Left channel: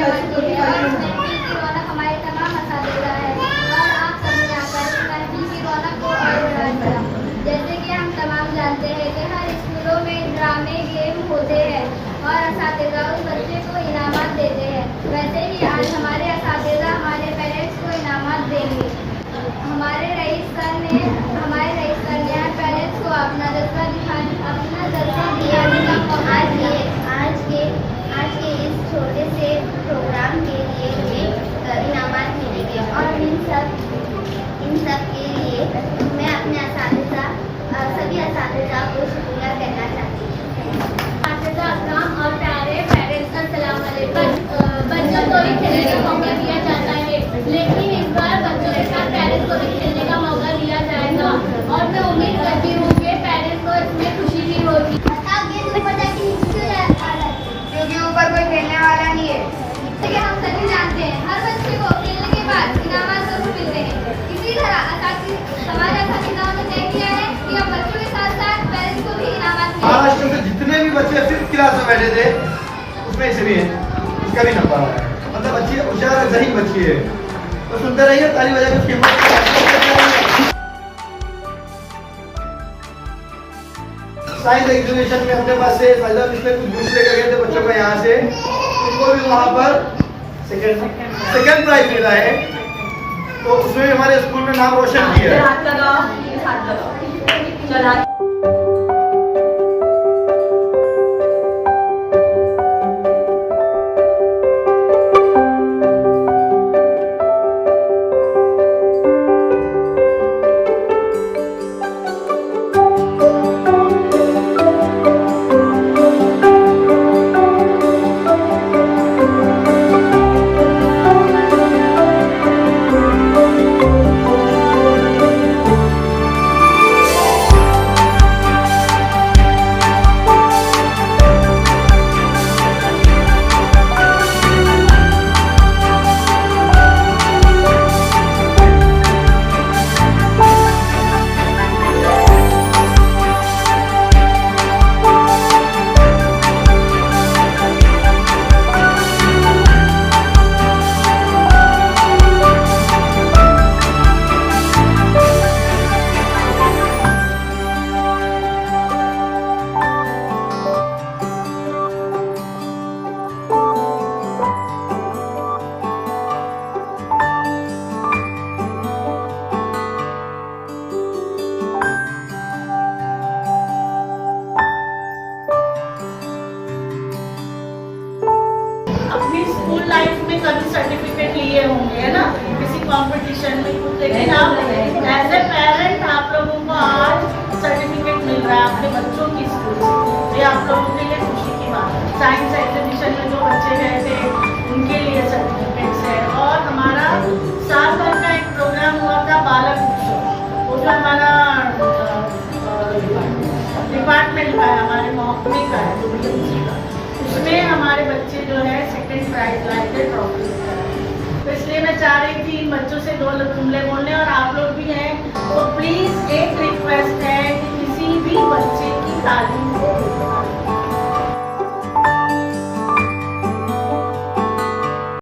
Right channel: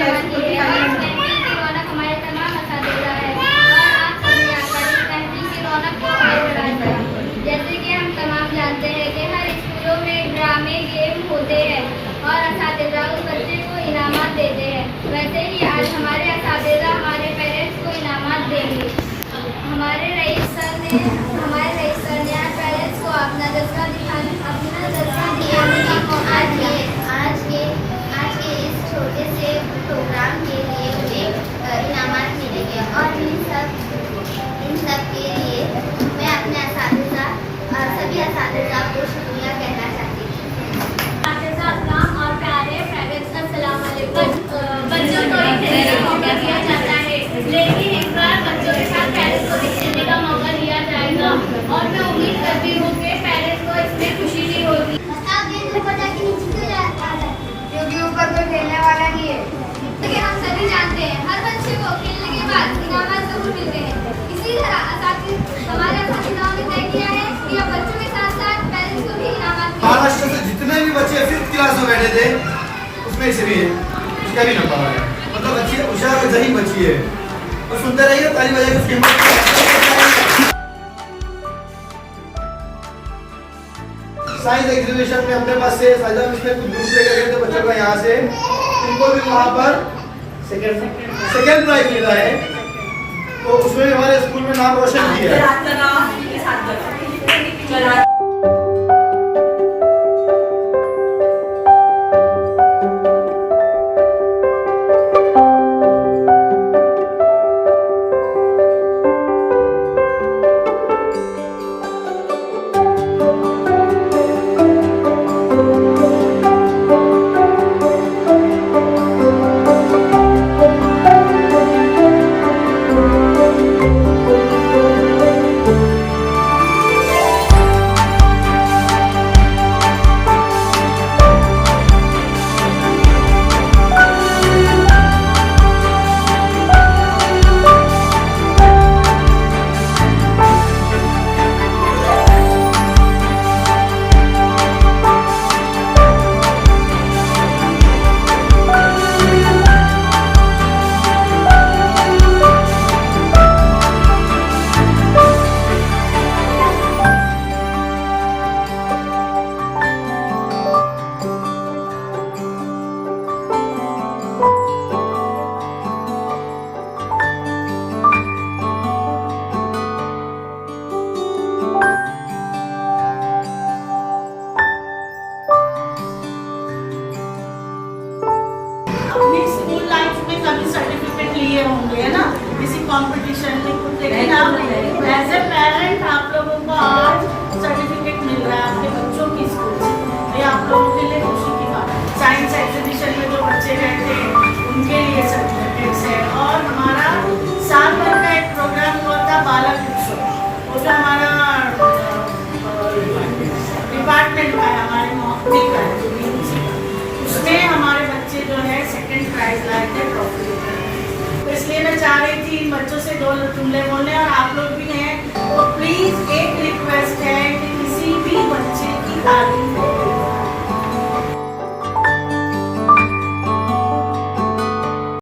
जमाती है और महफिल की रौनक हमारे तमाम असातिज़ा है और आप सबने आकर इस महफिल की रौनक को और बढ़ा दिया। जैसे कि हम तमाम जानते हैं कि हर स्कूलों में ड्रामे गेम होते हैं और असातिज़ा उस बच्चे को इनामात देते हैं, वैसे ही आज हमारे असातिज़ा हमारे पेरेंट्स को इनामात देंगे। हमारे रईस सर ने आज पेरेंट्स को अपना जज्बा दिखाने का मौका दिया। आज के इस छोटे से प्रोग्राम के लिए मुझे इनामात मिलेंगे और इन सब के लिए मैं अपने सभी असातिज़ा को शुक्रिया कहना चाहती हूँ। असातिज़ा अस्सलाम और प्यारे पेरेंट्स अस्सलाम वालेकुम। बच्चों को एक खेलने का मौका दिया जाता है, लेकिन इस बार बच्चों के साथ पेरेंट्स को भी खेलने का मौका दिया जाएगा और मैं उम्मीद करती हूँ कि पेरेंट्स को इसमें खुशी भी होगी। क्योंकि ऊपर कोई खेलने वाला नहीं है। हम सभी जानते हैं हर बच्चे को खेलने के बाद इनामात जरूर मिलते हैं। इसी तरह हमारे असातिज़ाओं ने तय किया है कि हम बच्चों के साथ साथ पेरेंट्स को भी इनामात देंगे। महाराष्ट्र से जितने भी बच्चे 5th क्लास में बैठे थे उसमें से भी इसका भी नंबर आया। मतलब बच्ची होशियार जही बच्ची है, तो सुनते रहिए, ताली बजाइए उसकी हिम्मत। साइंस एग्जीबिशन में अपने पास से साइंस में कुछ ग्रुप लेकर गए थे बच्चों का, यहाँ से उनको भी वहाँ पर सेकंड प्राइज मिला है, तो उसमें भी हमारे स्कूल में नाम रोशन किया है। लाइफ में कभी सर्टिफिकेट लिए होंगे, है ना, किसी कंपटीशन में कुछ, लेकिन आप एज ए पेरेंट आप लोगों को आज सर्टिफिकेट मिल रहा है अपने बच्चों की स्कूल से, तो ये आप लोगों के लिए खुशी की बात है। साइंस एग्जीबिशन में जो बच्चे गए थे उनके लिए सर्टिफिकेट्स है। और हमारा साल भर का एक प्रोग्राम हुआ था बालक उत्सव, वो जो हमारा डिपार्टमेंट का है, हमारे महकमे का है, उसमें हमारे बच्चे जो है सेकंड प्राइज लाए थे, ट्रॉफी। तो इसलिए मैं चाह रही थी इन बच्चों से 2 जुमले बोलने, और आप लोग भी हैं